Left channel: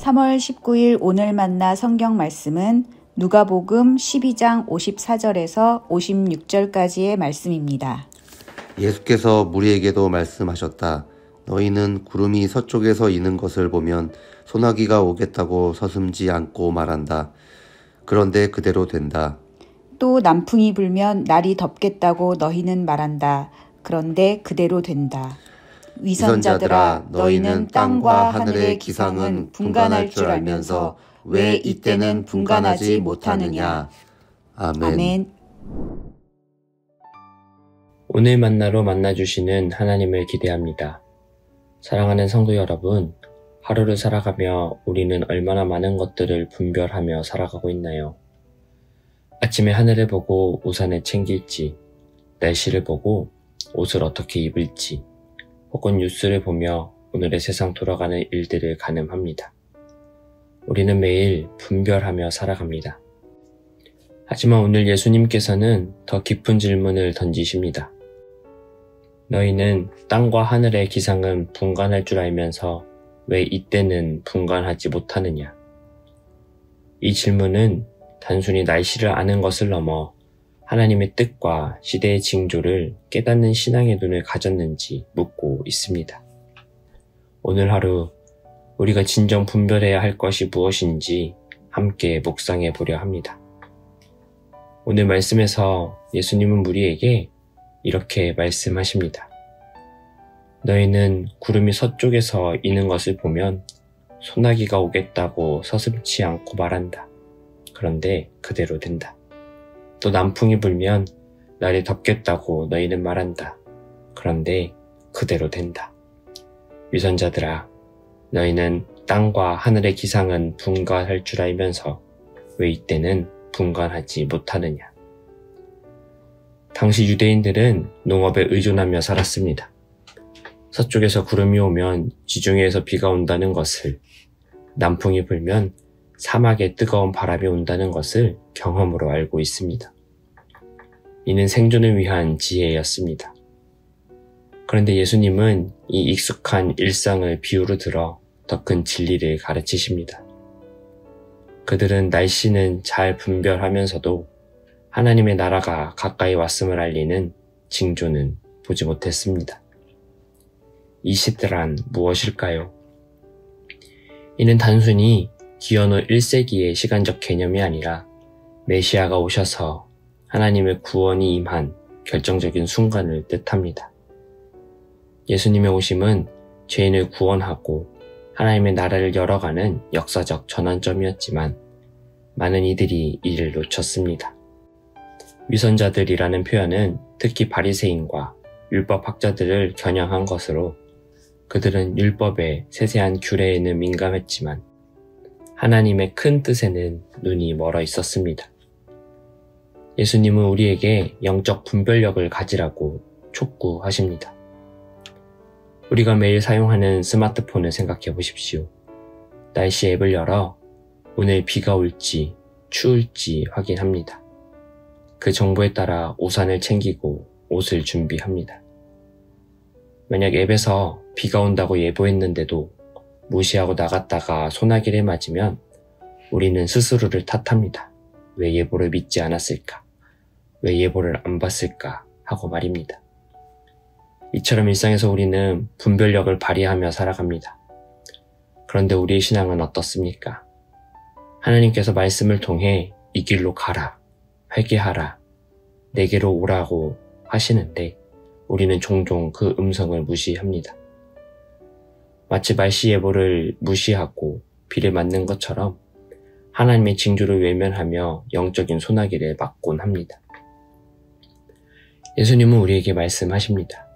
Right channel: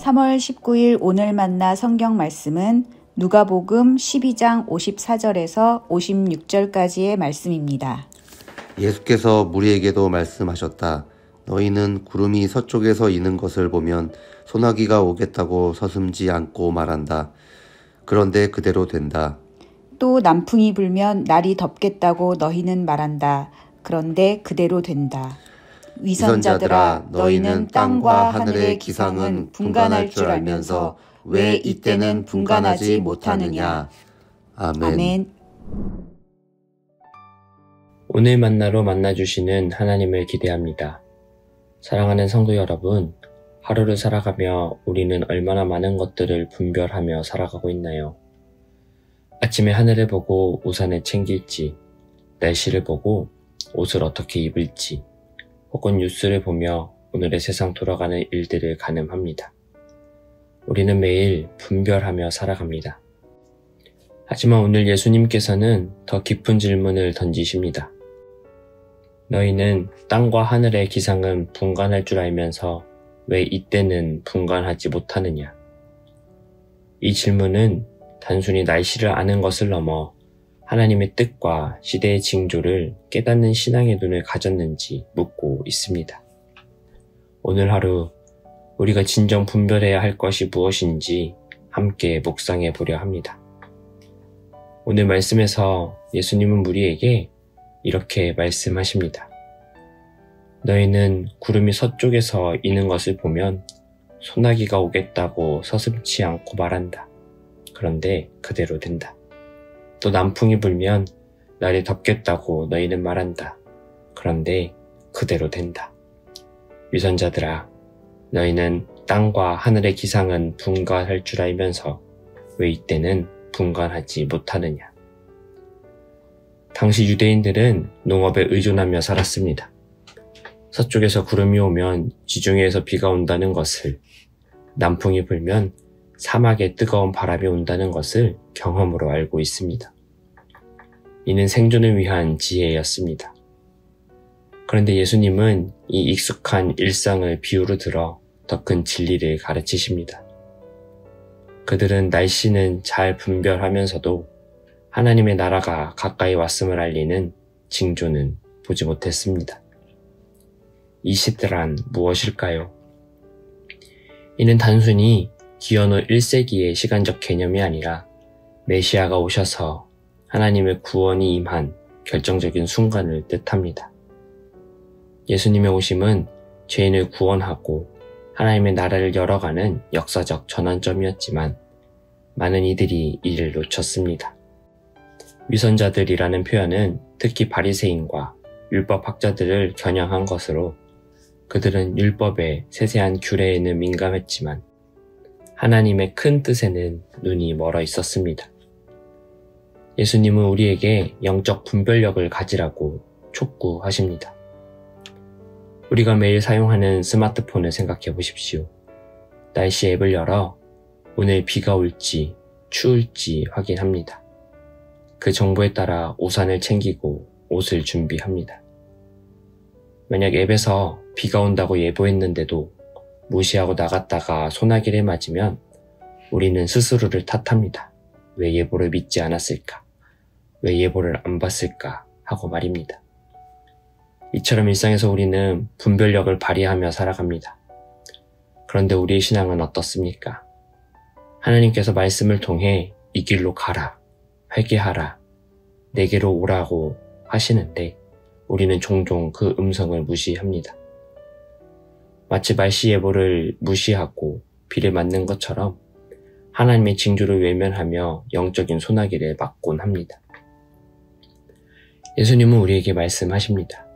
3월 19일 오늘 만나 성경 말씀은 누가복음 12장 54절에서 56절까지의 말씀입니다. 예수께서 무리에게도 말씀하셨다. 너희는 구름이 서쪽에서 이는 것을 보면 소나기가 오겠다고 서슴지 않고 말한다. 그런데 그대로 된다. 또 남풍이 불면 날이 덥겠다고 너희는 말한다. 그런데 그대로 된다. 위선자들아, 너희는 땅과 하늘의 기상은 분간할 줄 알면서 왜 이때는 분간하지 못하느냐. 아멘. 오늘 만나로 만나주시는 하나님을 기대합니다. 사랑하는 성도 여러분, 하루를 살아가며 우리는 얼마나 많은 것들을 분별하며 살아가고 있나요? 아침에 하늘을 보고 우산을 챙길지, 날씨를 보고 옷을 어떻게 입을지, 혹은 뉴스를 보며 오늘의 세상 돌아가는 일들을 가늠합니다. 우리는 매일 분별하며 살아갑니다. 하지만 오늘 예수님께서는 더 깊은 질문을 던지십니다. 너희는 땅과 하늘의 기상은 분간할 줄 알면서 왜 이때는 분간하지 못하느냐? 이 질문은 단순히 날씨를 아는 것을 넘어 하나님의 뜻과 시대의 징조를 깨닫는 신앙의 눈을 가졌는지 묻고 있습니다. 오늘 하루 우리가 진정 분별해야 할 것이 무엇인지 함께 묵상해 보려 합니다. 오늘 말씀에서 예수님은 우리에게 이렇게 말씀하십니다. 너희는 구름이 서쪽에서 이는 것을 보면 소나기가 오겠다고 서슴지 않고 말한다. 그런데 그대로 된다. 또 남풍이 불면 날이 덥겠다고 너희는 말한다. 그런데 그대로 된다. 위선자들아, 너희는 땅과 하늘의 기상은 분간할 줄 알면서 왜 이때는 분간하지 못하느냐. 당시 유대인들은 농업에 의존하며 살았습니다. 서쪽에서 구름이 오면 지중해에서 비가 온다는 것을, 남풍이 불면 사막에 뜨거운 바람이 온다는 것을 경험으로 알고 있습니다. 이는 생존을 위한 지혜였습니다. 그런데 예수님은 이 익숙한 일상을 비유로 들어 더 큰 진리를 가르치십니다. 그들은 날씨는 잘 분별하면서도 하나님의 나라가 가까이 왔음을 알리는 징조는 보지 못했습니다. 이 시대란 무엇일까요? 이는 단순히 기원후 1세기의 시간적 개념이 아니라 메시아가 오셔서 하나님의 구원이 임한 결정적인 순간을 뜻합니다. 예수님의 오심은 죄인을 구원하고 하나님의 나라를 열어가는 역사적 전환점이었지만 많은 이들이 이를 놓쳤습니다. 위선자들이라는 표현은 특히 바리새인과 율법학자들을 겨냥한 것으로 그들은 율법의 세세한 규례에는 민감했지만 하나님의 큰 뜻에는 눈이 멀어 있었습니다. 예수님은 우리에게 영적 분별력을 가지라고 촉구하십니다. 우리가 매일 사용하는 스마트폰을 생각해 보십시오. 날씨 앱을 열어 오늘 비가 올지 추울지 확인합니다. 그 정보에 따라 우산을 챙기고 옷을 준비합니다. 만약 앱에서 비가 온다고 예보했는데도 무시하고 나갔다가 소나기를 맞으면 우리는 스스로를 탓합니다. 왜 예보를 믿지 않았을까? 왜 예보를 안 봤을까? 하고 말입니다. 이처럼 일상에서 우리는 분별력을 발휘하며 살아갑니다. 그런데 우리의 신앙은 어떻습니까? 하나님께서 말씀을 통해 이 길로 가라, 회개하라, 내게로 오라고 하시는데 우리는 종종 그 음성을 무시합니다. 마치 날씨 예보를 무시하고 비를 맞는 것처럼 하나님의 징조를 외면하며 영적인 소나기를 맞곤 합니다. 예수님은 우리에게 말씀하십니다.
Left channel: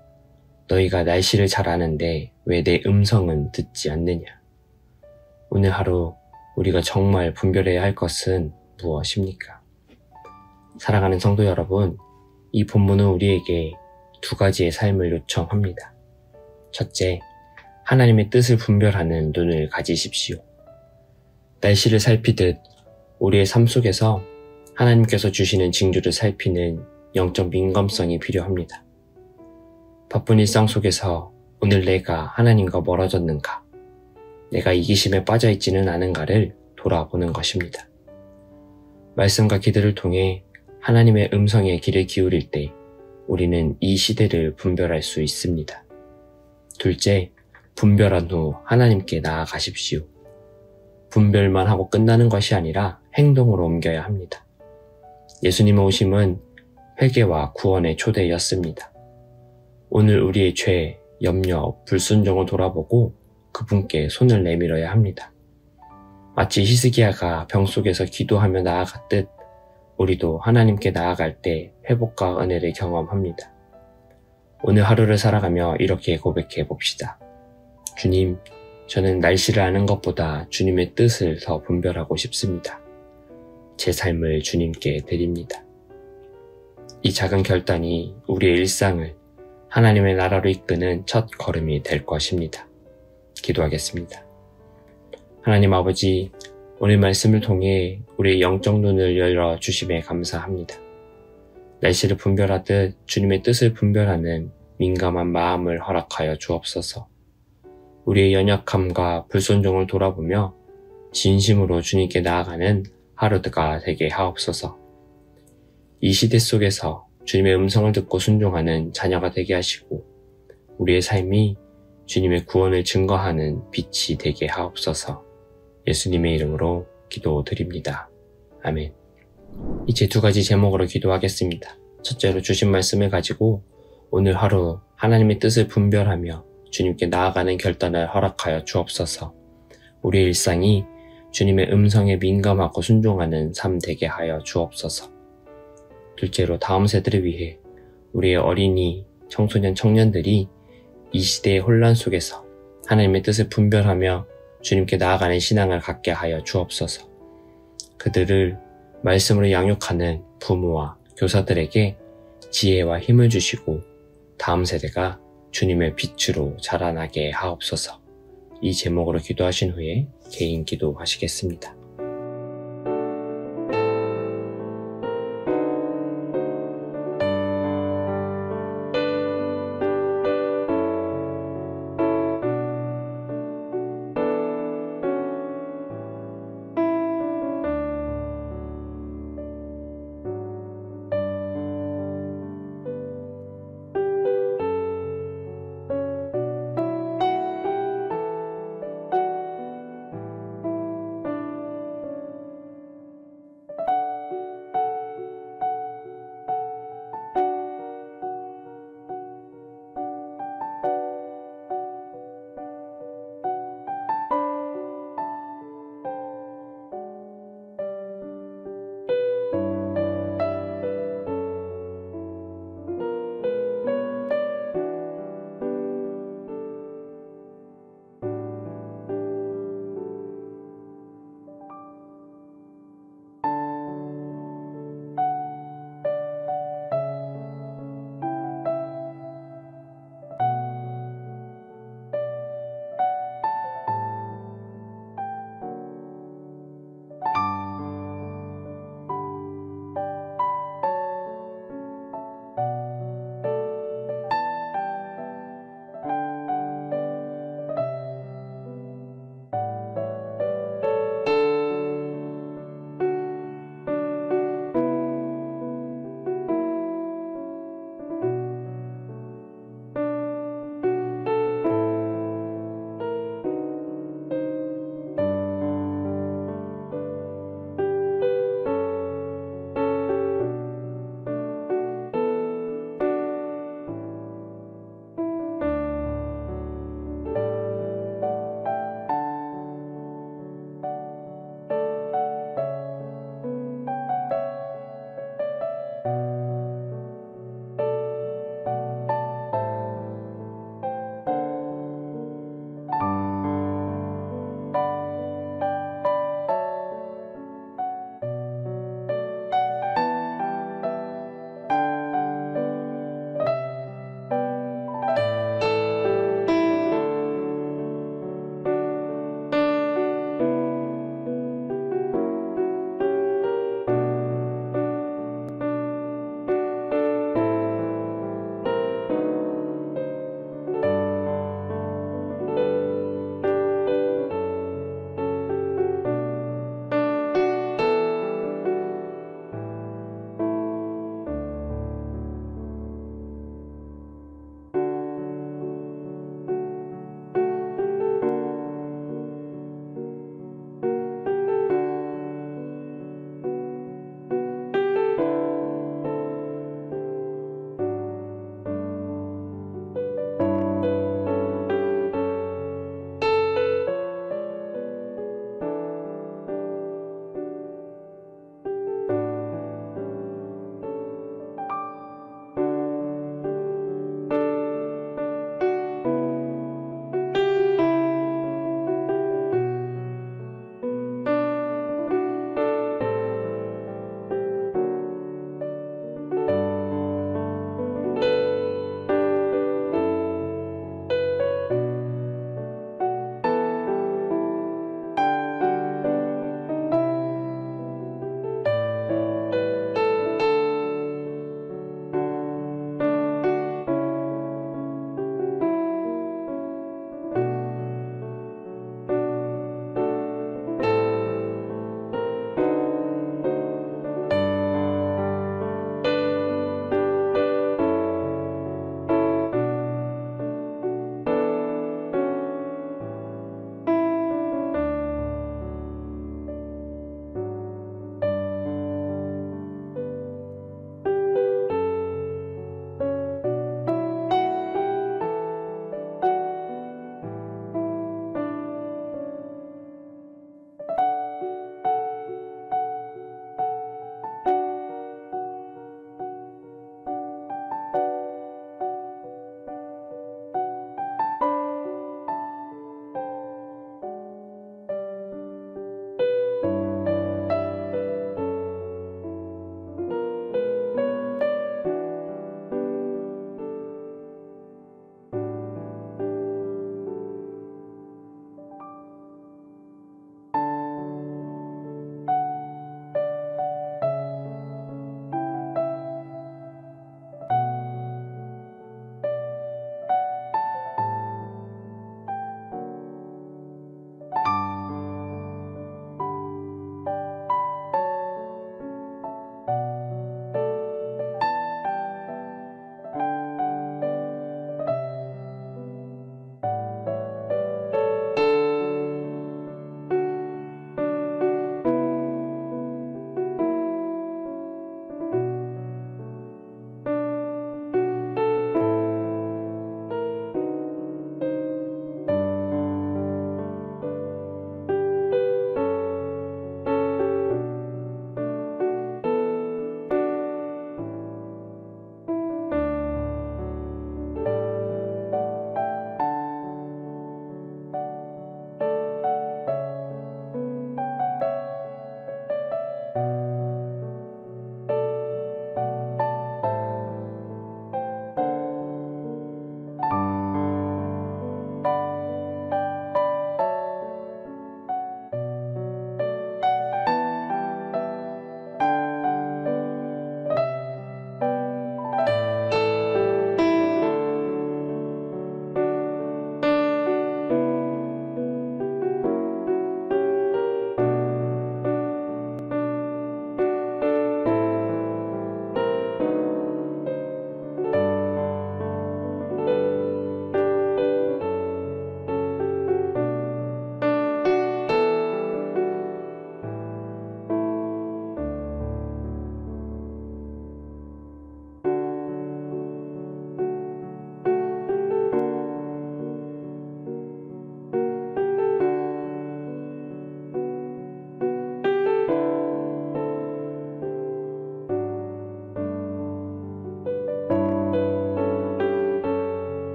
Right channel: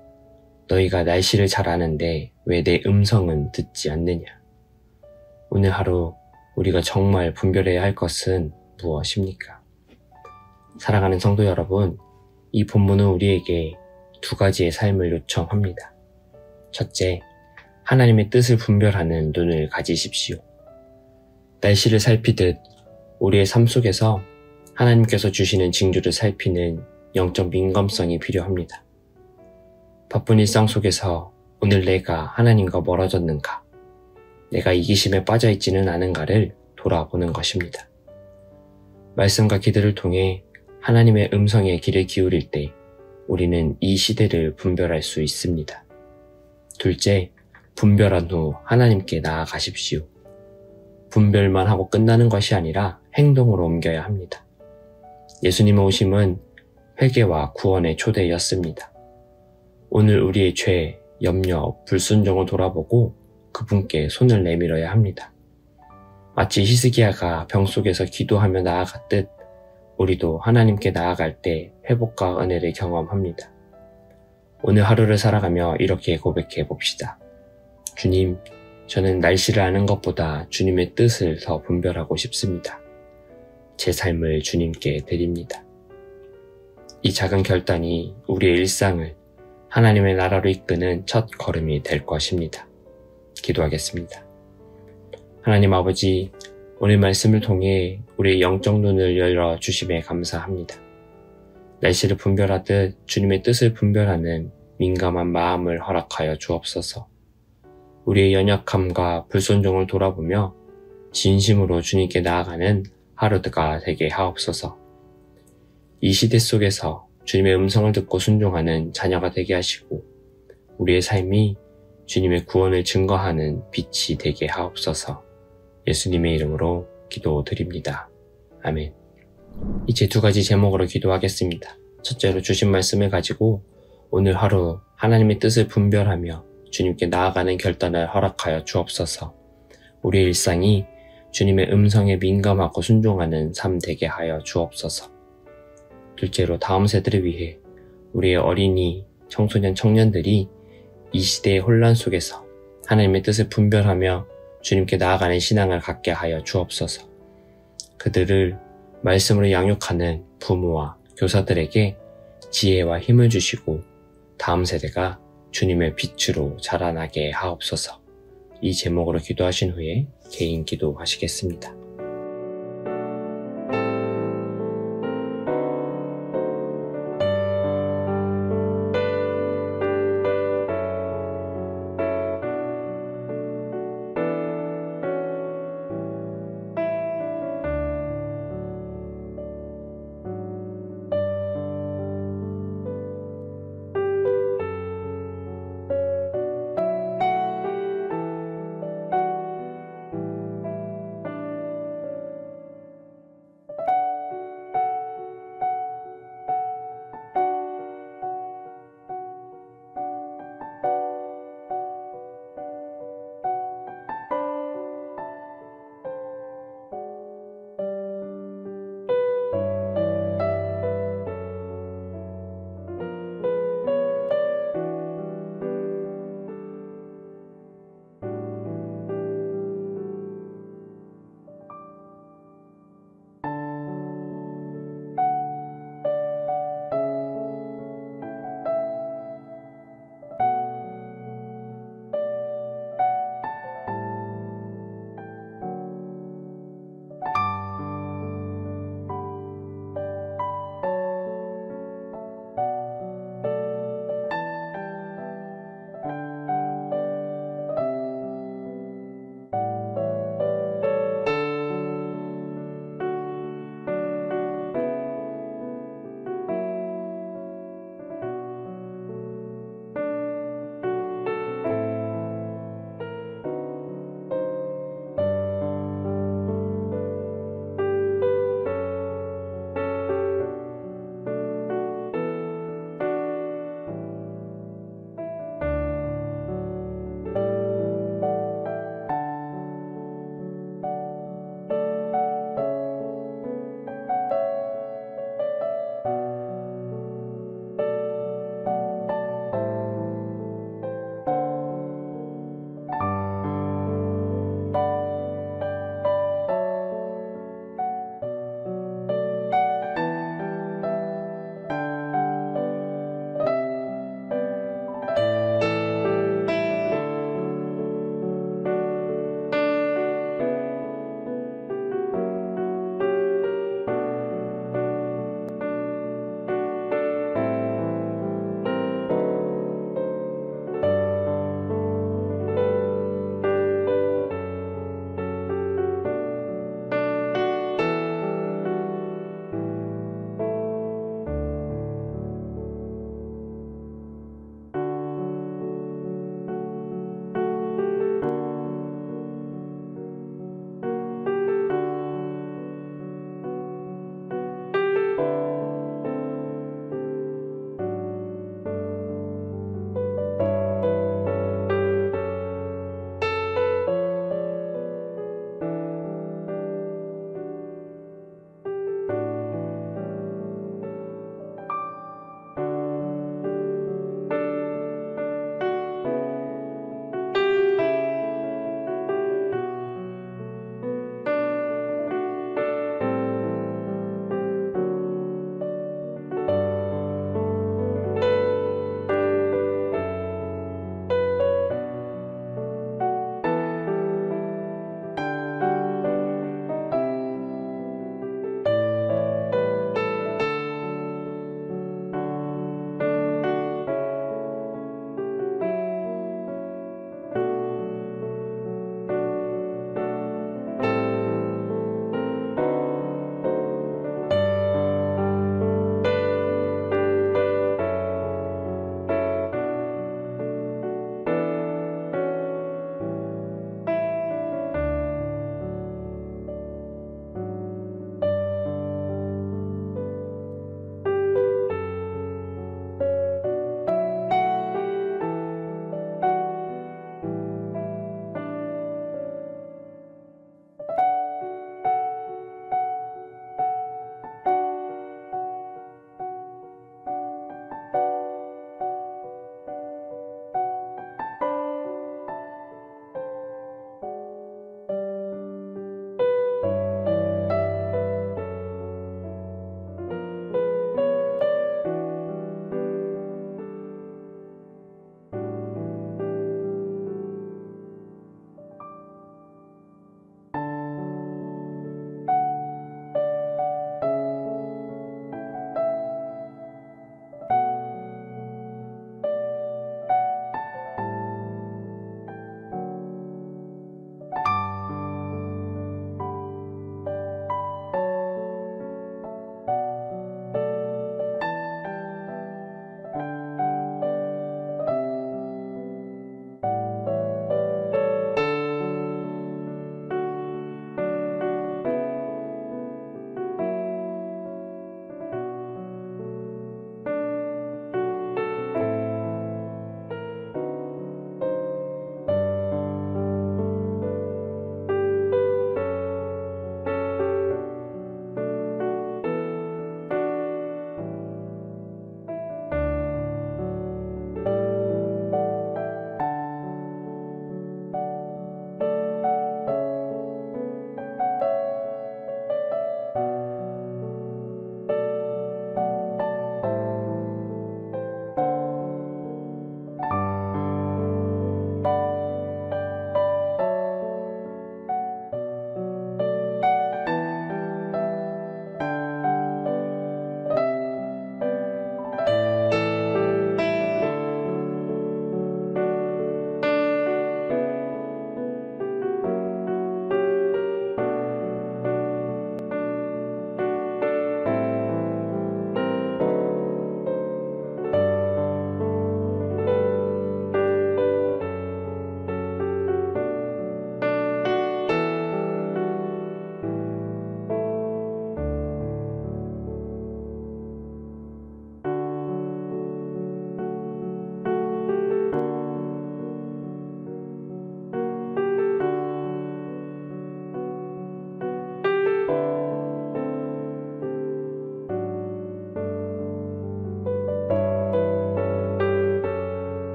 너희가 날씨를 잘 아는데 왜 내 음성은 듣지 않느냐. 오늘 하루 우리가 정말 분별해야 할 것은 무엇입니까? 사랑하는 성도 여러분, 이 본문은 우리에게 두 가지의 삶을 요청합니다. 첫째, 하나님의 뜻을 분별하는 눈을 가지십시오. 날씨를 살피듯 우리의 삶 속에서 하나님께서 주시는 징조를 살피는 영적 민감성이 필요합니다. 바쁜 일상 속에서 오늘 내가 하나님과 멀어졌는가? 내가 이기심에 빠져 있지는 않은가를 돌아보는 것입니다. 말씀과 기도를 통해 하나님의 음성에 귀를 기울일 때 우리는 이 시대를 분별할 수 있습니다. 둘째, 분별한 후 하나님께 나아가십시오. 분별만 하고 끝나는 것이 아니라 행동으로 옮겨야 합니다. 예수님의 오심은 회개와 구원의 초대였습니다. 오늘 우리의 죄, 염려, 불순종을 돌아보고 그분께 손을 내밀어야 합니다. 마치 히스기야가 병 속에서 기도하며 나아갔듯 우리도 하나님께 나아갈 때 회복과 은혜를 경험합니다. 오늘 하루를 살아가며 이렇게 고백해 봅시다. 주님, 저는 날씨를 아는 것보다 주님의 뜻을 더 분별하고 싶습니다. 제 삶을 주님께 드립니다. 이 작은 결단이 우리의 일상을 하나님의 나라로 이끄는 첫 걸음이 될 것입니다. 기도하겠습니다. 하나님 아버지, 오늘 말씀을 통해 우리의 영적 눈을 열어주심에 감사합니다. 날씨를 분별하듯 주님의 뜻을 분별하는 민감한 마음을 허락하여 주옵소서. 우리의 연약함과 불순종을 돌아보며 진심으로 주님께 나아가는 하루가 되게 하옵소서. 이 시대 속에서 주님의 음성을 듣고 순종하는 자녀가 되게 하시고 우리의 삶이 주님의 구원을 증거하는 빛이 되게 하옵소서. 예수님의 이름으로 기도드립니다. 아멘. 이제 두 가지 제목으로 기도하겠습니다. 첫째로 주신 말씀을 가지고 오늘 하루 하나님의 뜻을 분별하며 주님께 나아가는 결단을 허락하여 주옵소서. 우리의 일상이 주님의 음성에 민감하고 순종하는 삶 되게 하여 주옵소서. 둘째로 다음 세대를 위해 우리의 어린이, 청소년, 청년들이 이 시대의 혼란 속에서 하나님의 뜻을 분별하며 주님께 나아가는 신앙을 갖게 하여 주옵소서. 그들을 말씀으로 양육하는 부모와 교사들에게 지혜와 힘을 주시고 다음 세대가 주님의 빛으로 자라나게 하옵소서. 이 제목으로 기도하신 후에 개인 기도하시겠습니다.